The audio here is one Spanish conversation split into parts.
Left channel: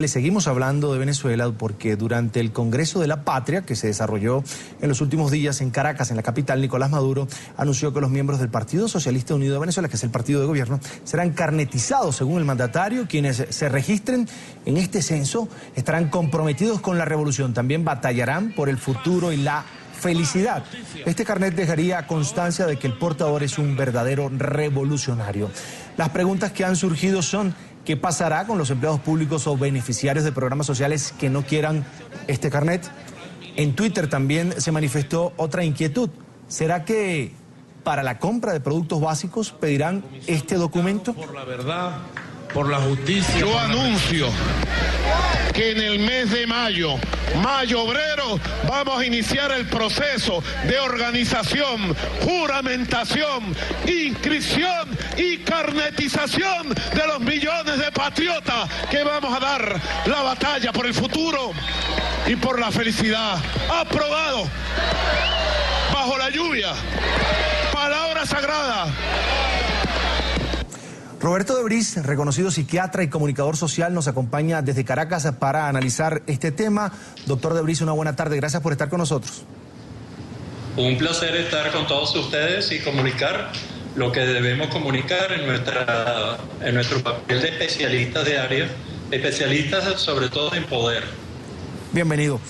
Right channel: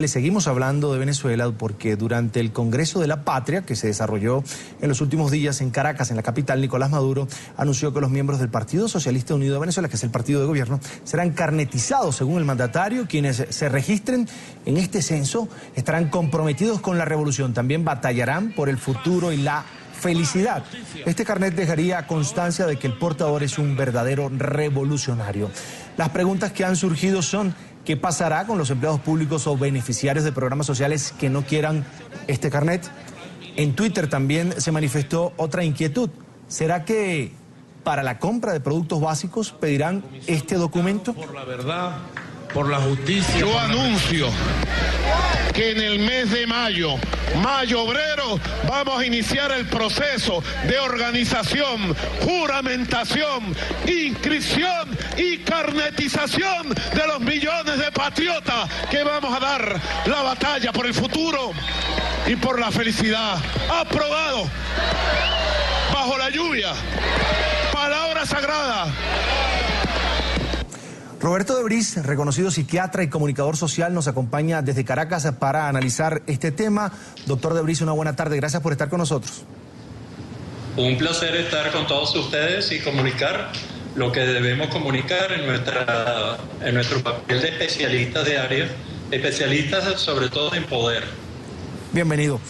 Le seguimos hablando de Venezuela porque durante el Congreso de la Patria, que se desarrolló en los últimos días en Caracas, en la capital, Nicolás Maduro anunció que los miembros del Partido Socialista Unido de Venezuela, que es el partido de gobierno, serán carnetizados según el mandatario. Quienes se registren en este censo estarán comprometidos con la revolución. También batallarán por el futuro y la felicidad. Este carnet dejaría constancia de que el portador es un verdadero revolucionario. Las preguntas que han surgido son: ¿qué pasará con los empleados públicos o beneficiarios de programas sociales que no quieran este carnet? En Twitter también se manifestó otra inquietud. ¿Será que para la compra de productos básicos pedirán este documento? Por la verdad, por la justicia. Yo anuncio que en el mes de mayo obrero, vamos a iniciar el proceso de organización, juramentación, inscripción y carnetización de los millones de patriotas que vamos a dar la batalla por el futuro y por la felicidad. Aprobado bajo la lluvia, palabra sagrada. Roberto de Vries, reconocido psiquiatra y comunicador social, nos acompaña desde Caracas para analizar este tema. Doctor de Vries, una buena tarde. Gracias por estar con nosotros. Un placer estar con todos ustedes y comunicar lo que debemos comunicar en nuestro papel de especialistas de área, especialistas sobre todo en poder. Bienvenido.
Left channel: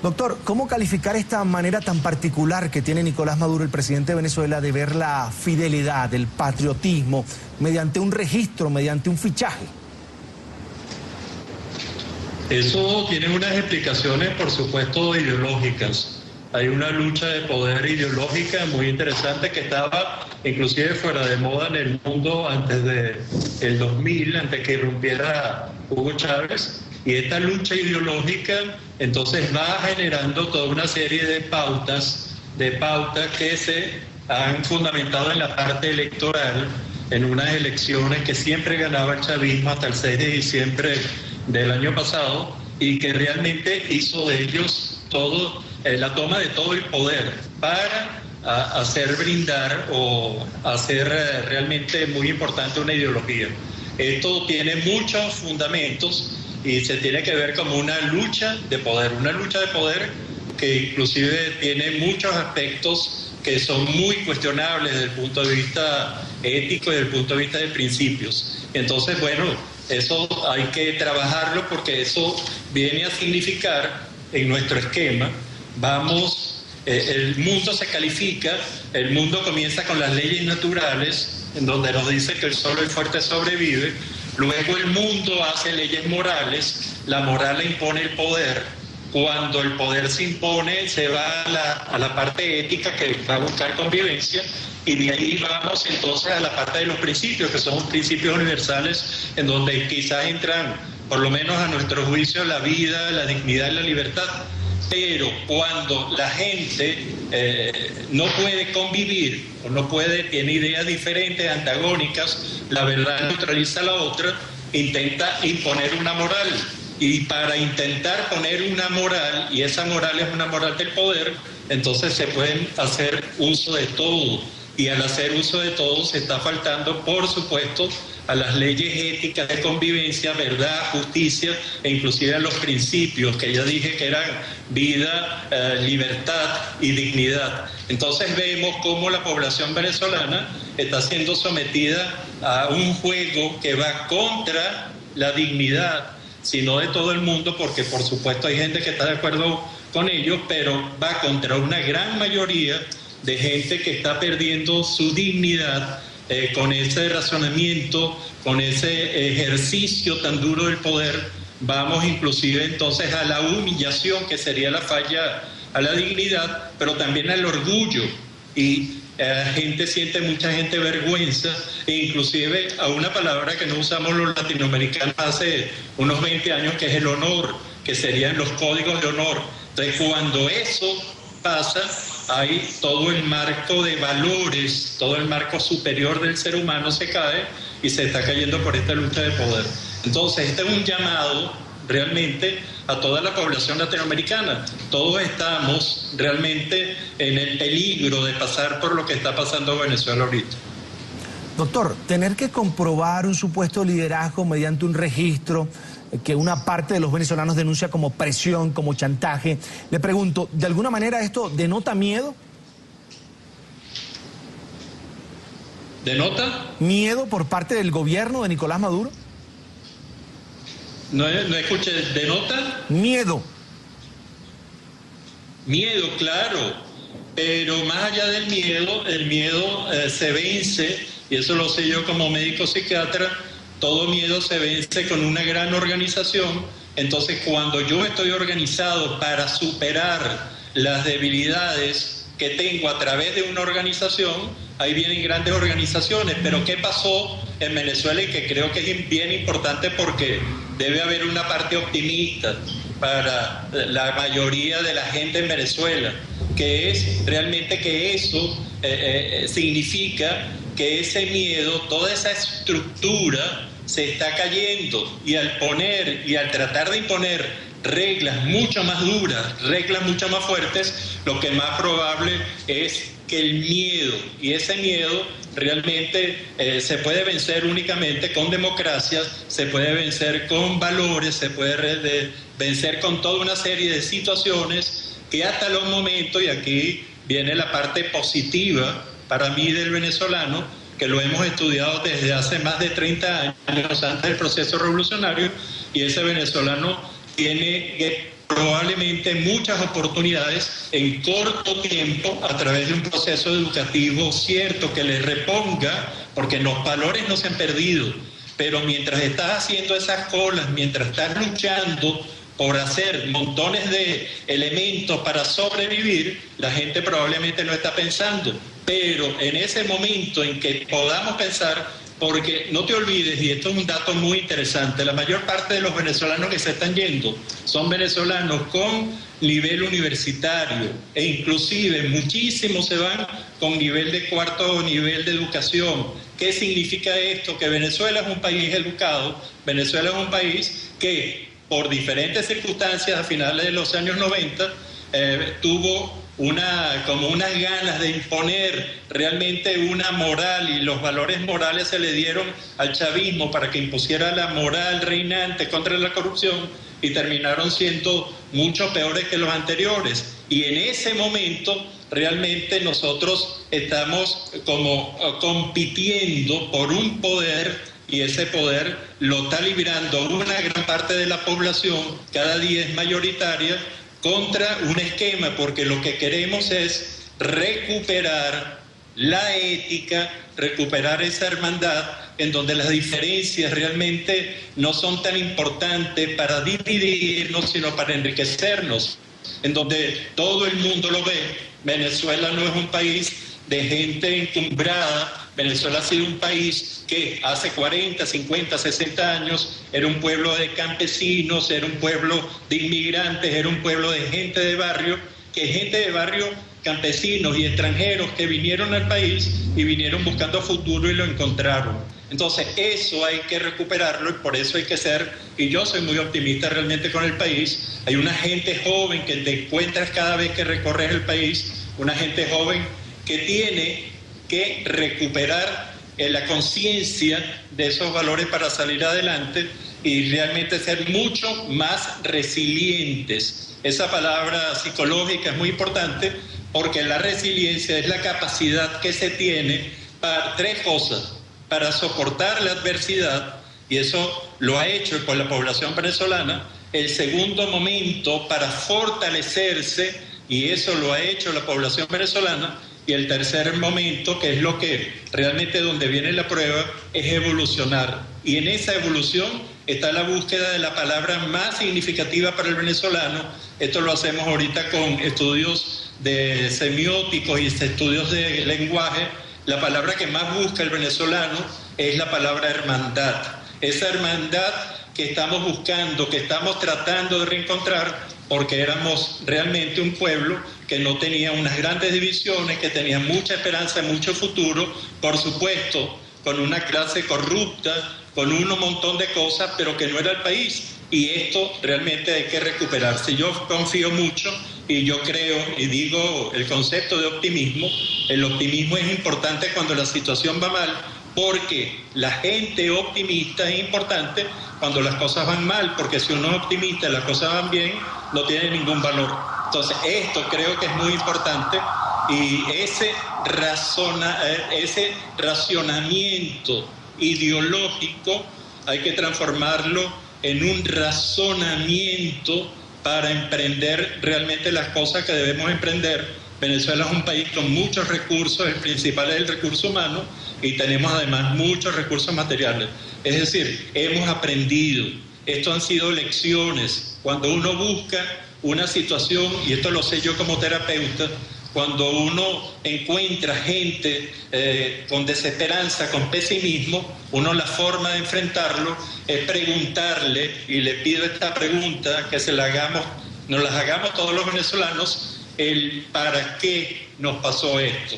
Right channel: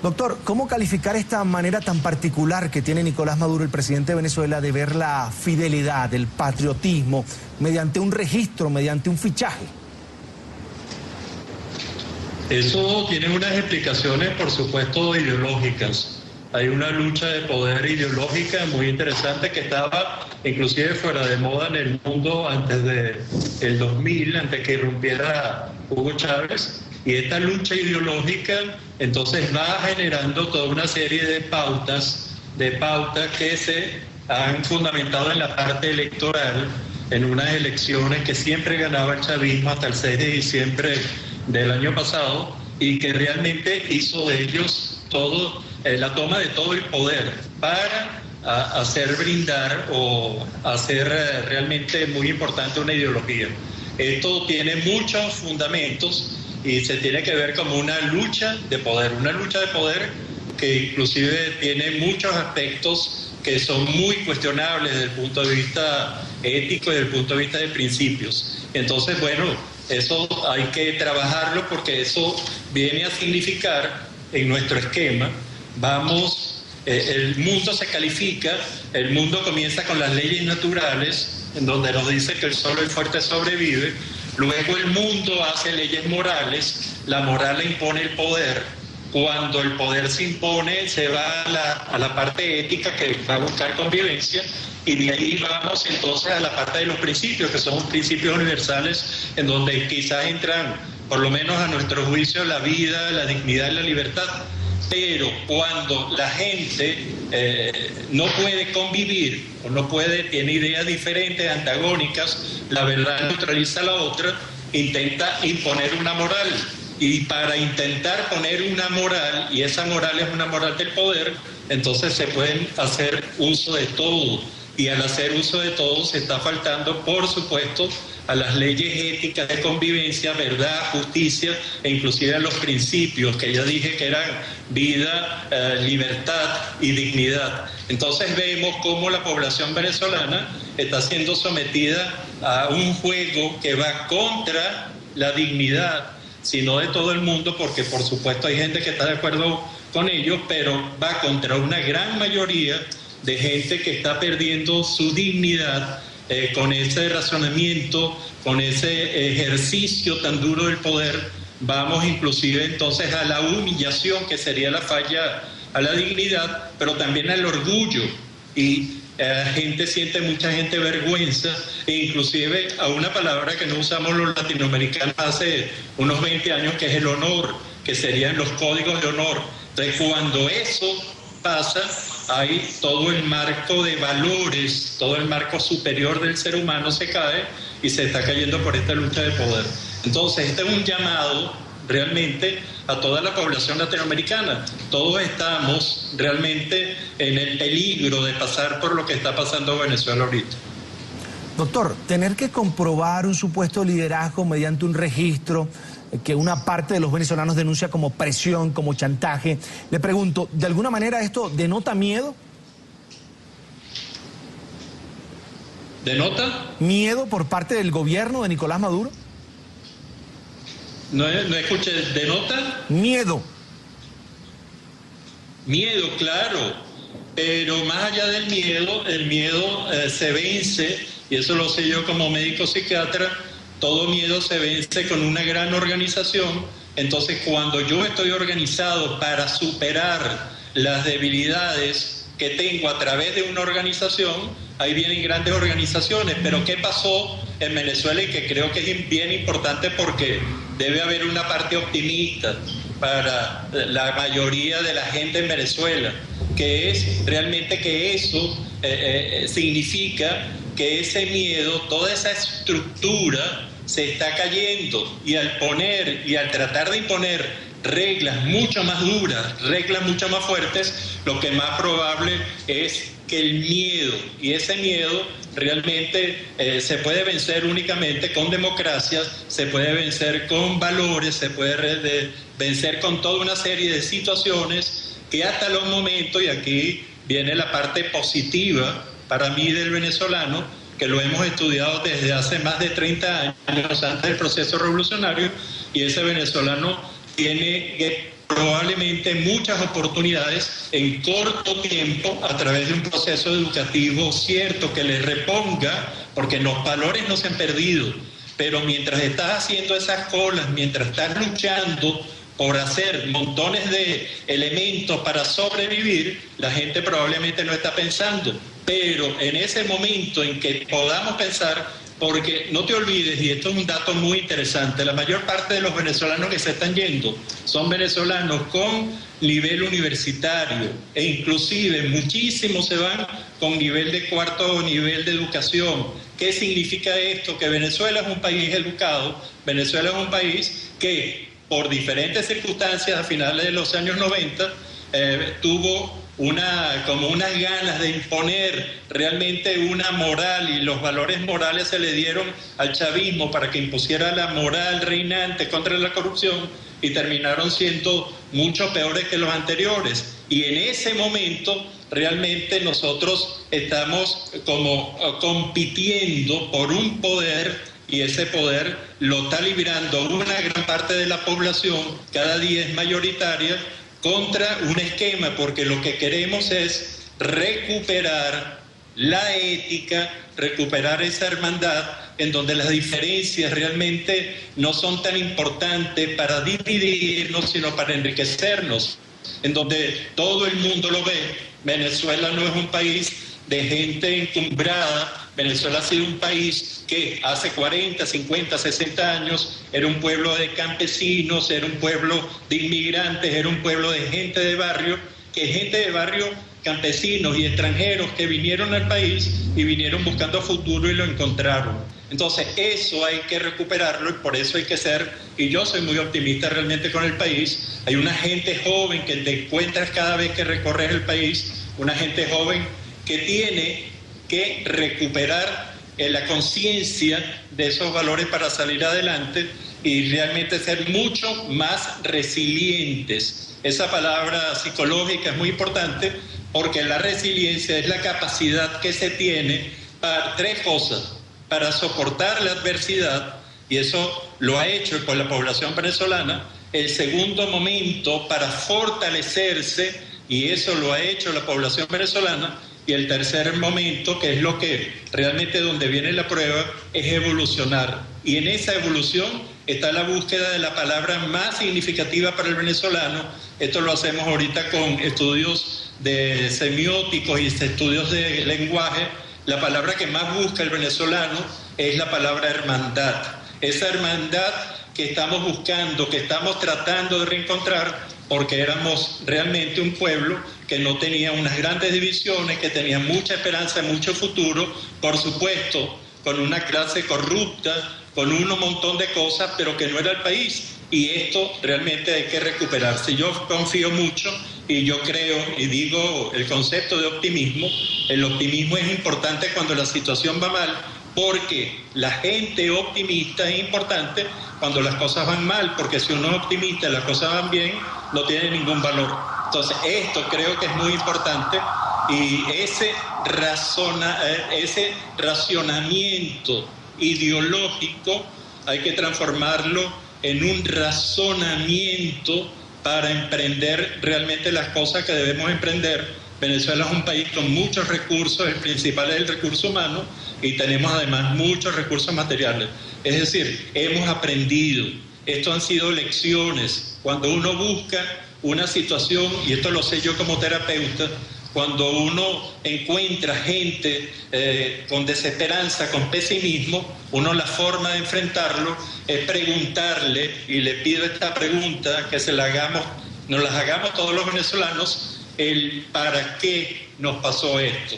Doctor, ¿cómo calificar esta manera tan particular que tiene Nicolás Maduro, el presidente de Venezuela, de ver la fidelidad, el patriotismo, mediante un registro, mediante un fichaje? Eso tiene unas explicaciones, por supuesto, ideológicas. Hay una lucha de poder ideológica muy interesante que estaba inclusive fuera de moda en el mundo antes del 2000, antes que irrumpiera Hugo Chávez. Y esta lucha ideológica entonces va generando toda una serie de pautas que se han fundamentado en la parte electoral, en unas elecciones que siempre ganaba el chavismo hasta el 6 de diciembre del año pasado, y que realmente hizo de ellos todo, la toma de todo el poder para hacer brindar o hacer realmente muy importante una ideología. Esto tiene muchos fundamentos y se tiene que ver como una lucha de poder que inclusive tiene muchos aspectos que son muy cuestionables desde el punto de vista ético y desde el punto de vista de principios. Entonces, bueno, eso hay que trabajarlo porque eso viene a significar en nuestro esquema, el mundo se califica, el mundo comienza con las leyes naturales, en donde nos dice que solo el fuerte sobrevive. Luego el mundo hace leyes morales, la moral le impone el poder. Cuando el poder se impone, se va a la parte ética que va a buscar convivencia, y de ahí vamos entonces a la parte de los principios, que son principios universales, en donde quizás entran, por lo menos a nuestro juicio, la vida, la dignidad y la libertad. Pero cuando la gente no puede convivir o tiene ideas diferentes, antagónicas, la verdad neutraliza a la otra, intenta imponer una moral. Y para intentar poner una moral, y esa moral es una moral del poder, entonces se pueden hacer uso de todo. Y al hacer uso de todo se está faltando, por supuesto, a las leyes éticas de convivencia, verdad, justicia e inclusive a los principios que ya dije que eran vida, libertad y dignidad. Entonces vemos cómo la población venezolana está siendo sometida a un juego que va contra la dignidad, sino de todo el mundo, porque por supuesto hay gente que está de acuerdo con ellos, pero va contra una gran mayoría de gente que está perdiendo su dignidad con ese razonamiento, con ese ejercicio tan duro del poder. Vamos inclusive entonces a la humillación, que sería la falla a la dignidad, pero también al orgullo. Y mucha gente vergüenza, e inclusive a una palabra que no usamos los latinoamericanos hace unos 20 años, que es el honor, que serían los códigos de honor. Entonces, cuando eso pasa, hay todo el marco de valores, todo el marco superior del ser humano se cae y se está cayendo por esta lucha de poder. Entonces, este es un llamado realmente a toda la población latinoamericana. Todos estamos realmente en el peligro de pasar por lo que está pasando en Venezuela ahorita. Doctor, tener que comprobar un supuesto liderazgo mediante un registro, que una parte de los venezolanos denuncia como presión, como chantaje. Le pregunto, ¿de alguna manera esto denota miedo? ¿Denota? ¿Miedo por parte del gobierno de Nicolás Maduro? No escuché, ¿denota? Miedo. Miedo, claro, pero más allá del miedo, el miedo se vence, y eso lo sé yo como médico psiquiatra, todo miedo se vence con una gran organización. Entonces, cuando yo estoy organizado para superar las debilidades que tengo a través de una organización, ahí vienen grandes organizaciones. Pero ¿qué pasó en Venezuela? Y que creo que es bien importante, porque debe haber una parte optimista para la mayoría de la gente en Venezuela, que es realmente que eso significa que ese miedo, toda esa estructura se está cayendo, y al tratar de imponer reglas mucho más duras, reglas mucho más fuertes, lo que más probable es que el miedo, y ese miedo realmente se puede vencer únicamente con democracias, se puede vencer con valores, se puede vencer con toda una serie de situaciones que hasta los momentos, y aquí viene la parte positiva para mí del venezolano, que lo hemos estudiado desde hace más de 30 años antes del proceso revolucionario, y ese venezolano tiene probablemente muchas oportunidades en corto tiempo a través de un proceso educativo cierto que le reponga, porque los valores no se han perdido, pero mientras estás haciendo esas colas, mientras estás luchando por hacer montones de elementos para sobrevivir, la gente probablemente no está pensando. Pero en ese momento en que podamos pensar, porque no te olvides, y esto es un dato muy interesante, la mayor parte de los venezolanos que se están yendo son venezolanos con nivel universitario, e inclusive muchísimos se van con nivel de cuarto nivel de educación. ¿Qué significa esto? Que Venezuela es un país educado, Venezuela es un país que por diferentes circunstancias a finales de los años 90 tuvo como unas ganas de imponer realmente una moral, y los valores morales se le dieron al chavismo para que impusiera la moral reinante contra la corrupción, y terminaron siendo mucho peores que los anteriores. Y en ese momento realmente nosotros estamos como compitiendo por un poder, y ese poder lo está librando una gran parte de la población, cada día es mayoritaria, contra un esquema, porque lo que queremos es recuperar la ética, recuperar esa hermandad en donde las diferencias realmente no son tan importantes para dividirnos, sino para enriquecernos, en donde todo el mundo lo ve. Venezuela no es un país de gente encumbrada, Venezuela ha sido un país que hace 40, 50, 60 años era un pueblo de campesinos, era un pueblo de inmigrantes, era un pueblo de gente de barrio, campesinos y extranjeros que vinieron al país y vinieron buscando futuro y lo encontraron. Entonces eso hay que recuperarlo, y por eso hay que ser, y yo soy muy optimista realmente con el país. Hay una gente joven que te encuentras cada vez que recorres el país, una gente joven que tiene que recuperar la conciencia de esos valores para salir adelante y realmente ser mucho más resilientes. Esa palabra psicológica es muy importante, porque la resiliencia es la capacidad que se tiene para tres cosas: para soportar la adversidad, y eso lo ha hecho con la población venezolana. El segundo momento, para fortalecerse, y eso lo ha hecho la población venezolana. Y el tercer momento, que es lo que realmente donde viene la prueba, es evolucionar. Y en esa evolución está la búsqueda de la palabra más significativa para el venezolano. Esto lo hacemos ahorita con estudios de semióticos y estudios de lenguaje. La palabra que más busca el venezolano es la palabra hermandad. Esa hermandad que estamos buscando, que estamos tratando de reencontrar, porque éramos realmente un pueblo que no tenía unas grandes divisiones, que tenía mucha esperanza, mucho futuro, por supuesto, con una clase corrupta, con un montón de cosas, pero que no era el país. Y esto realmente hay que recuperarse. Yo confío mucho y yo creo, y digo el concepto de optimismo. El optimismo es importante cuando la situación va mal, porque la gente optimista es importante cuando las cosas van mal, porque si uno es optimista y las cosas van bien, no tiene ningún valor. Entonces, esto creo que es muy importante, y ese racionamiento ideológico hay que transformarlo en un razonamiento para emprender realmente las cosas que debemos emprender. Venezuela es un país con muchos recursos, el principal es el recurso humano, y tenemos además muchos recursos materiales. Es decir, hemos aprendido, esto han sido lecciones. Cuando uno busca una situación, y esto lo sé yo como terapeuta, cuando uno encuentra gente con desesperanza, con pesimismo, uno la forma de enfrentarlo es preguntarle, y le pido esta pregunta que nos las hagamos todos los venezolanos, el ¿para qué nos pasó esto?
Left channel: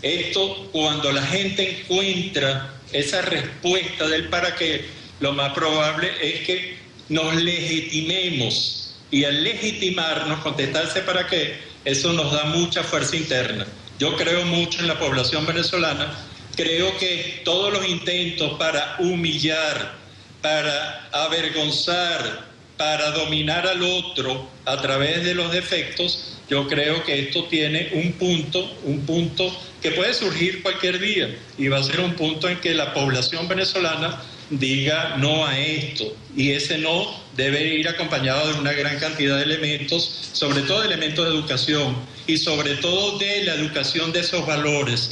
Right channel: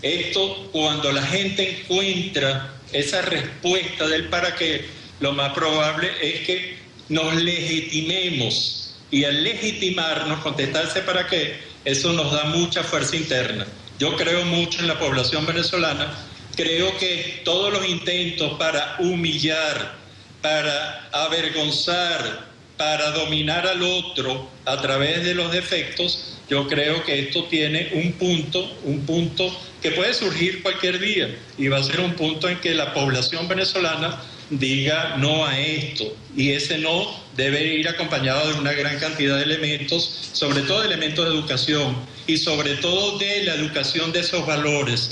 Esto, cuando la gente encuentra esa respuesta del para qué, lo más probable es que nos legitimemos, y al legitimarnos, contestarse para qué, eso nos da mucha fuerza interna. Yo creo mucho en la población venezolana, creo que todos los intentos para humillar, para avergonzar, para dominar al otro a través de los defectos, yo creo que esto tiene un punto que puede surgir cualquier día, y va a ser un punto en que la población venezolana diga no a esto, y ese no debe ir acompañado de una gran cantidad de elementos, sobre todo elementos de educación, y sobre todo de la educación de esos valores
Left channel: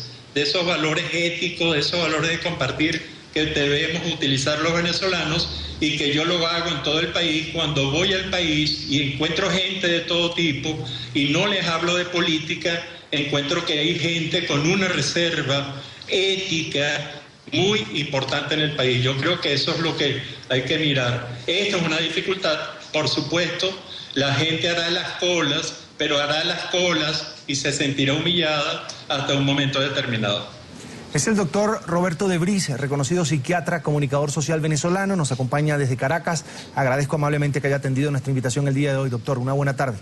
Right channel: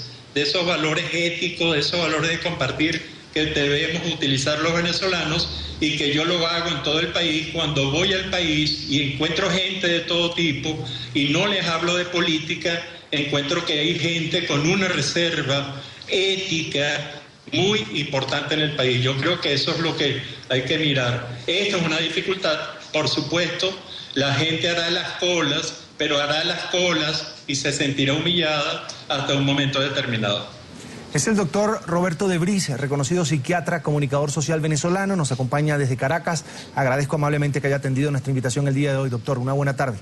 éticos, de esos valores de compartir que debemos utilizar los venezolanos, y que yo lo hago en todo el país. Cuando voy al país y encuentro gente de todo tipo y no les hablo de política, encuentro que hay gente con una reserva ética muy importante en el país. Yo creo que eso es lo que hay que mirar. Esto es una dificultad, por supuesto, la gente hará las colas, pero hará las colas y se sentirá humillada hasta un momento determinado. Es el doctor Roberto de Vries, reconocido psiquiatra, comunicador social venezolano, nos acompaña desde Caracas. Agradezco amablemente que haya atendido nuestra invitación el día de hoy, doctor. Una buena tarde.